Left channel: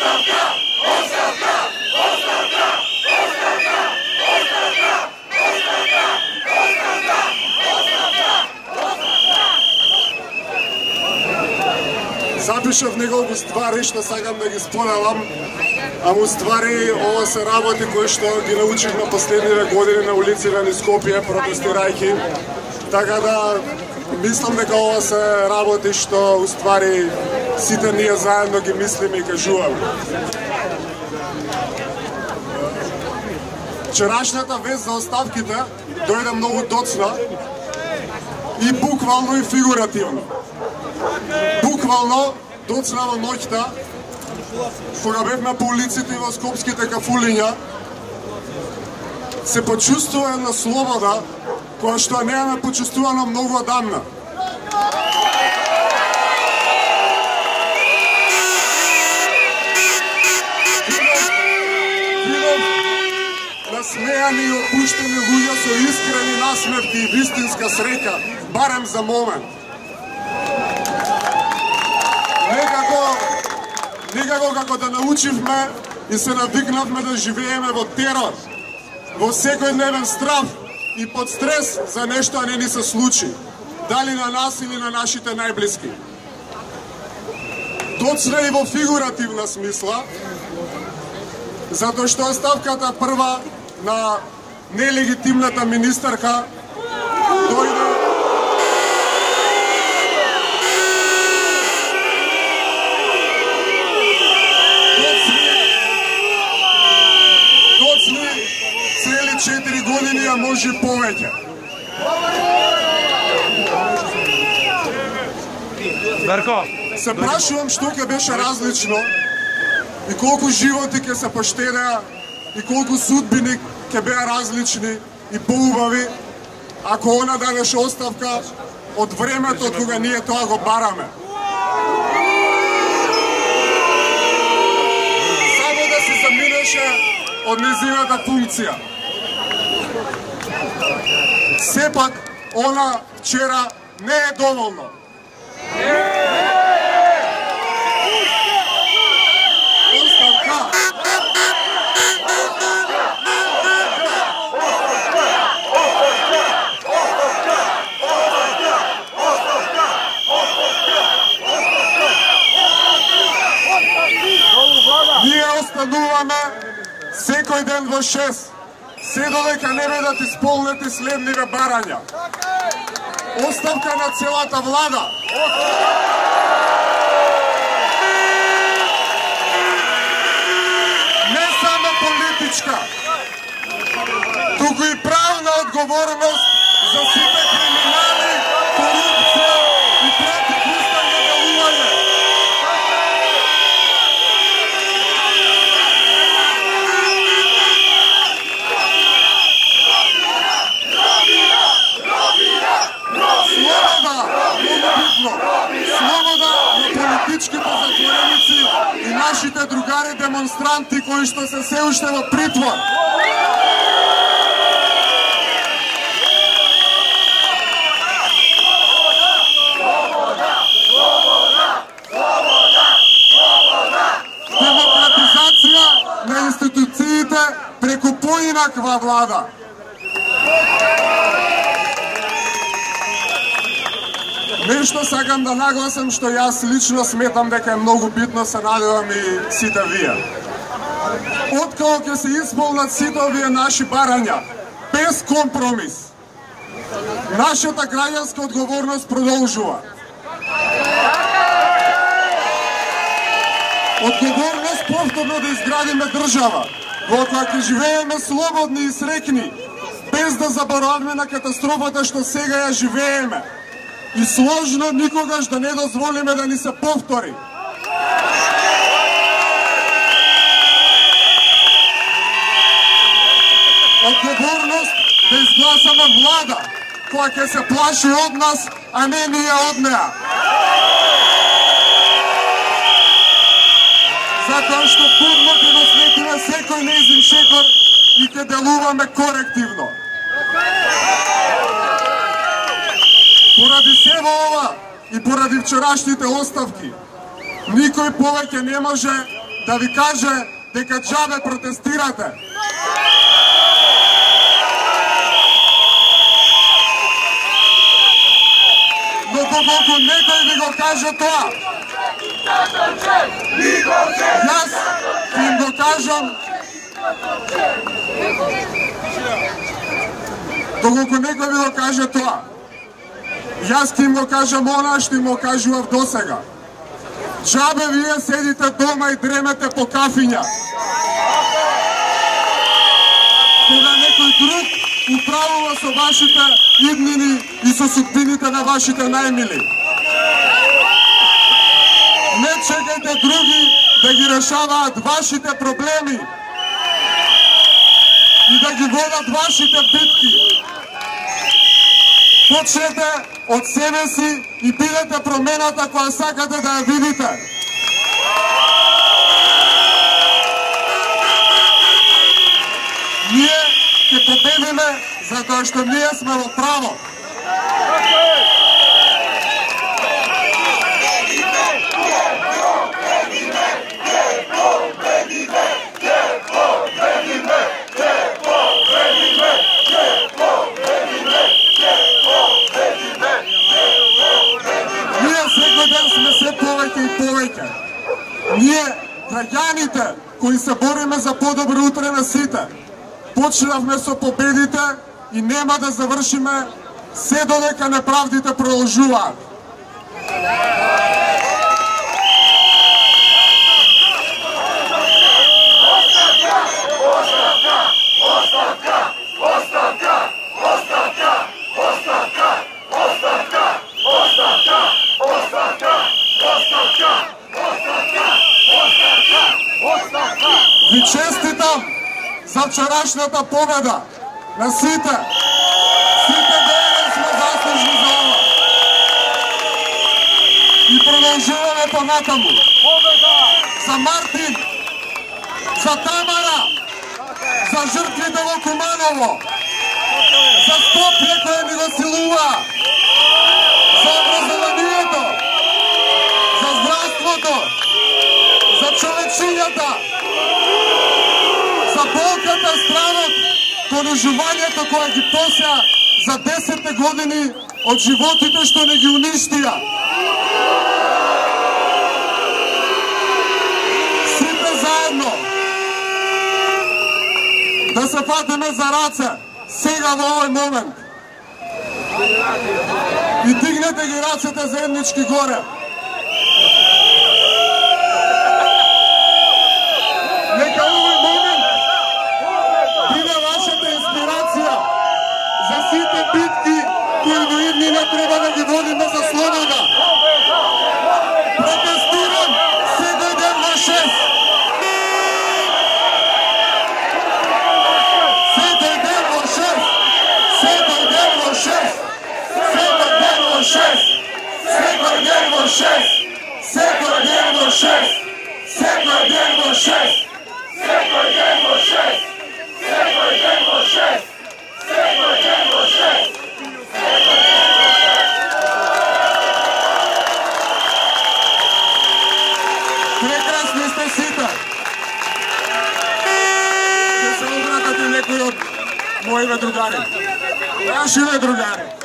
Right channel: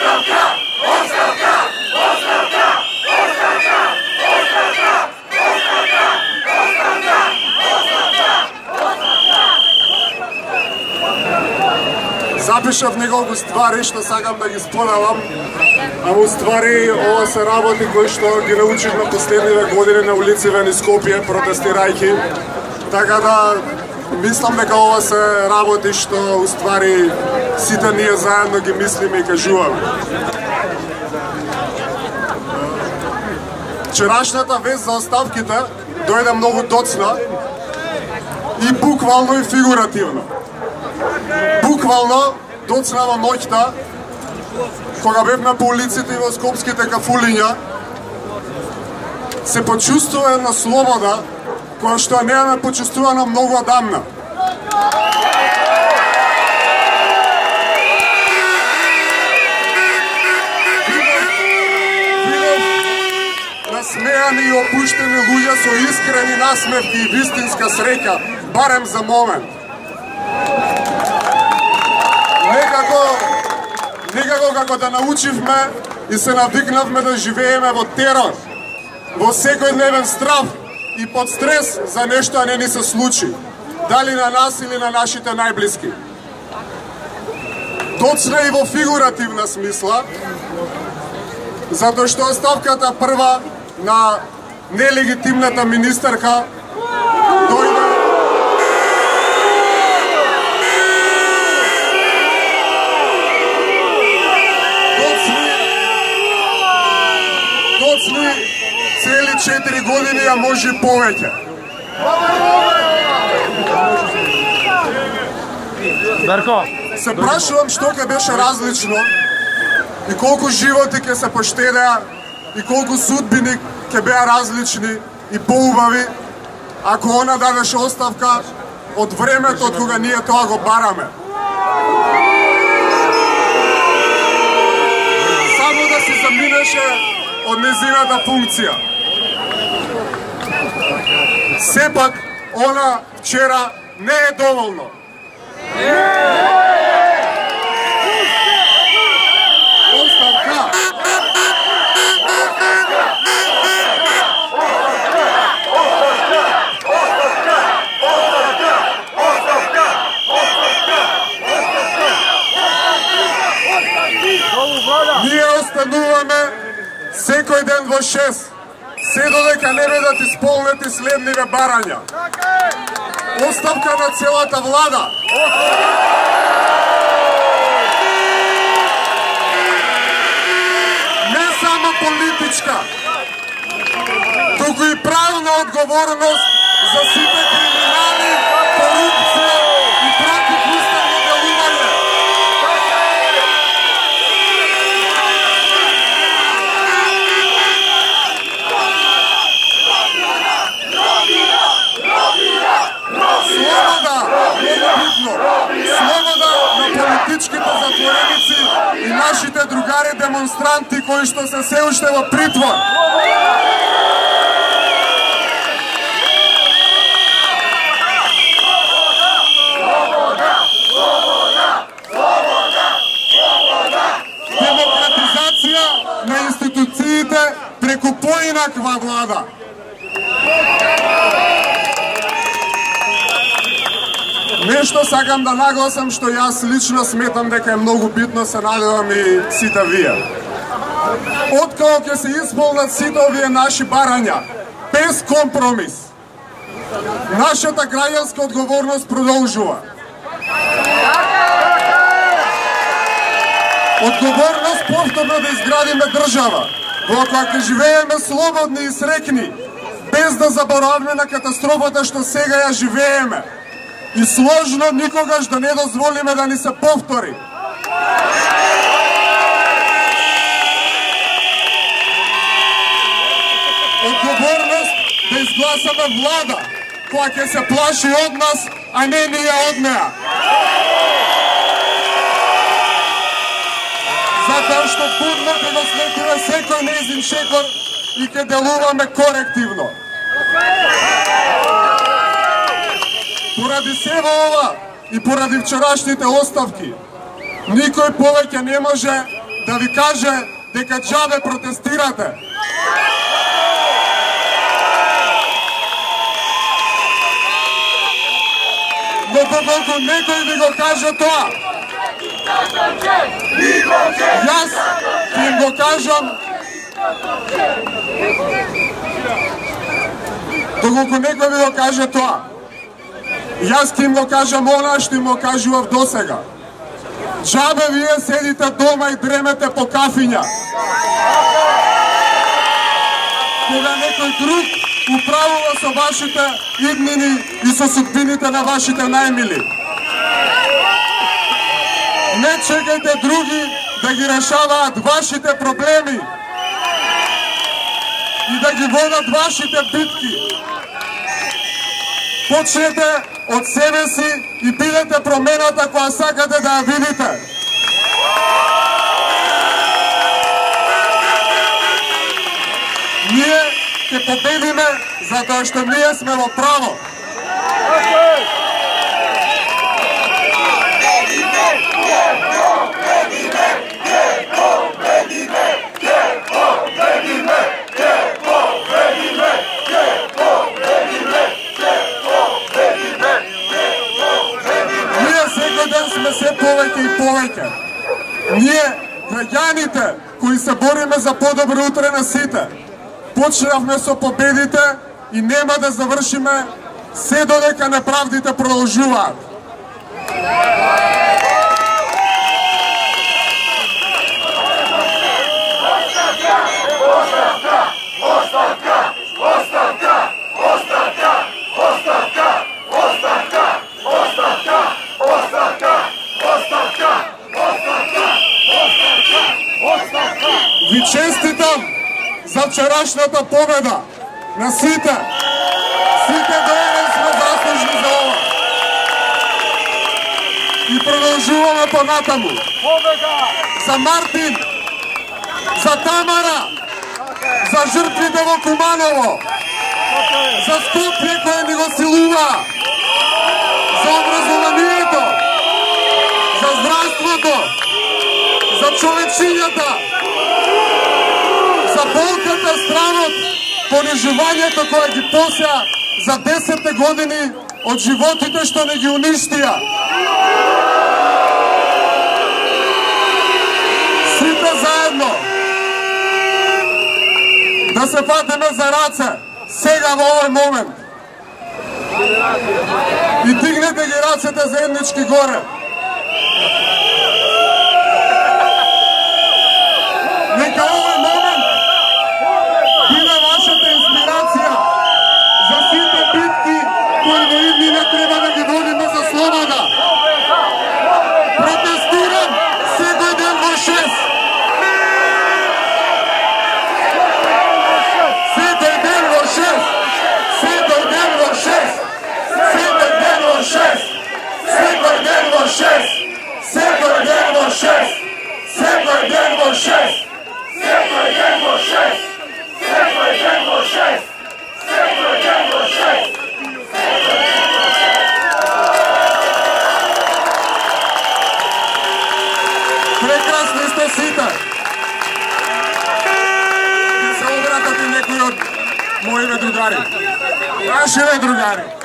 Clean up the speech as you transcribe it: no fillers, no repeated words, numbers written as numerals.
Оставка! Оставка! Оставка! Оставка! Оставка! Оставка! Оставка! Запишав неколку ствари што сакам да ги споделам, ама ствари ова се работи кои што ги научивме последниве години на улиците на Скопје протестирајќи. Така да мислам дека ова се работи што уствари сите ние заедно ги мислиме и кажуваме. Вчерашната вест за оставките дојде многу доцна и буквално и фигуративно. Буквално доцна во ноќта, кога бевме по улиците и во скопските кафулиња, се почувствува една слобода која што не е почувствувана многу одамна. Видов насмеани и опуштени луѓе со искрени насмевки и вистинска среќа, барем за момент. Некако како да научивме и се навикнавме да живееме во терор, во секојдневен страв и под стрес за нешто а не ни се случи, дали на нас или на нашите најблиски. Точно и во фигуративна смисла, затоа што оставката прва на нелегитимната министерка дојде цели 4 години, а може и повеќе. Берко, се прашувам што ќе беше различно и колку животи ќе се поштедеа и колку судбини ќе беа различни и поубави ако она дадеше оставка од времето од кога ние тоа го бараме. Само да се заминеше од незината функција. Сепак, она вчера не е доволно. Оставка! Ние остануваме секој ден во 6, се додека не бидат исполнети следниве барања. Оставка на целата влада. Не само политичка, туку и правна одговорност за сите криминали, корупција и противуставно делување. Слобода на политичките затвореници и нашите другари демонстранти кои што се се уште во притвор. Демократизација на институциите преку поинаква влада. Нешто сакам да нагласам што јас лично сметам дека е многу битно, се надевам и сите вие. Откако ќе се исполнат сите овие наши барања, без компромис, нашата граѓанска одговорност продолжува. Одговорност повторно да изградиме држава, во која ќе живееме слободни и среќни, без да забораваме на катастрофата што сега ја живееме. И сложно никогаш да не дозволиме да ни се повтори. Одговорност да изгласаме влада која ќе се плаши од нас, а не ние од неа. Затоа што будно ќе го сметиме секој нејзин шекор и ќе делуваме корективно. Поради сева ова и поради вчерашните оставки, никој повеќе не може да ви каже дека џабе протестирате. Но доколку некој ви го каже тоа, јас ќе им го кажам, доколку некој ви го каже тоа, јас ќе им го кажам она што им го кажував досега. Џабе вие седите дома и дремете по кафиња. Кога некој друг управува со вашите иднини и со судбините на вашите најмили. Не чекајте други да ги решаваат вашите проблеми и да ги водат вашите битки. Почнете од себе си и бидете промената која сакате да ја видите. Ние ќе победиме затоа што ние сме во право. Сме се повеќе и повеќе. Ние, граѓаните, кои се бориме за подобро утре на сите, почнавме со победите и нема да завршиме се додека неправдите продолжуваат. Ви честитам за вчерашната победа на сите. Сите доволно сме заслужни за ова. И продолжуваме понатаму. За Мартин, за Тамара, за жртвите во Куманово, за Скопје кој ни го силува, за образованието, за здравството, за човечињата, за болката, стравот, понижувањето кое ги посеа за 10 години од животите што не ги уништија. Сите заедно да се фатиме за раце сега во овој момент и дигнете ги рацете заеднички горе. Нека овој момент биде вашата инспирација за сите битки кои во иднина треба да ги водиме за слобода. Протестирам секој ден во 6. Секој ден во 6. Секој ден во 6. Секој ден во 6. Секој ден во 6. Секој ден во 6. Секој ден во 6. Секој ден во 6. Секој ден во 6. Секој ден во 6. Прекрасни сте сите. Ќе се обратат и некои од моите другари. Нашите другари.